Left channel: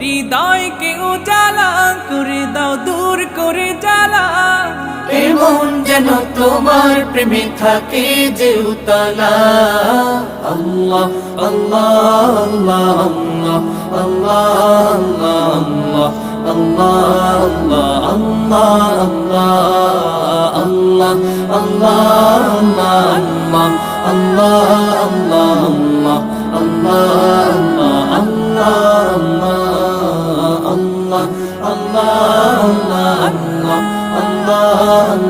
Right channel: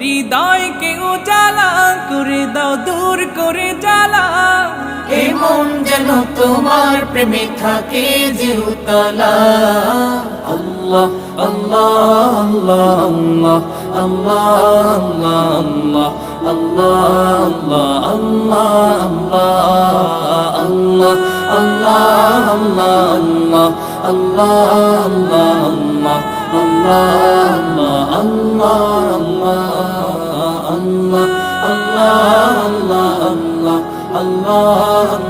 হৃদয়কে উজালা করে দাও, দূর করে জ্বালা। এমন যেন তোমার প্রেমে থাকে যে উতলা। আল্লাহ আল্লাহ আল্লাহ আল্লাহ আল্লাহ আল্লাহ আল্লাহ আল্লাহ আল্লাহ আল্লাহ আল্লাহ আল্লাহ আল্লাহ আল্লাহ আল্লাহ আল্লাহ আল্লাহ আল্লাহ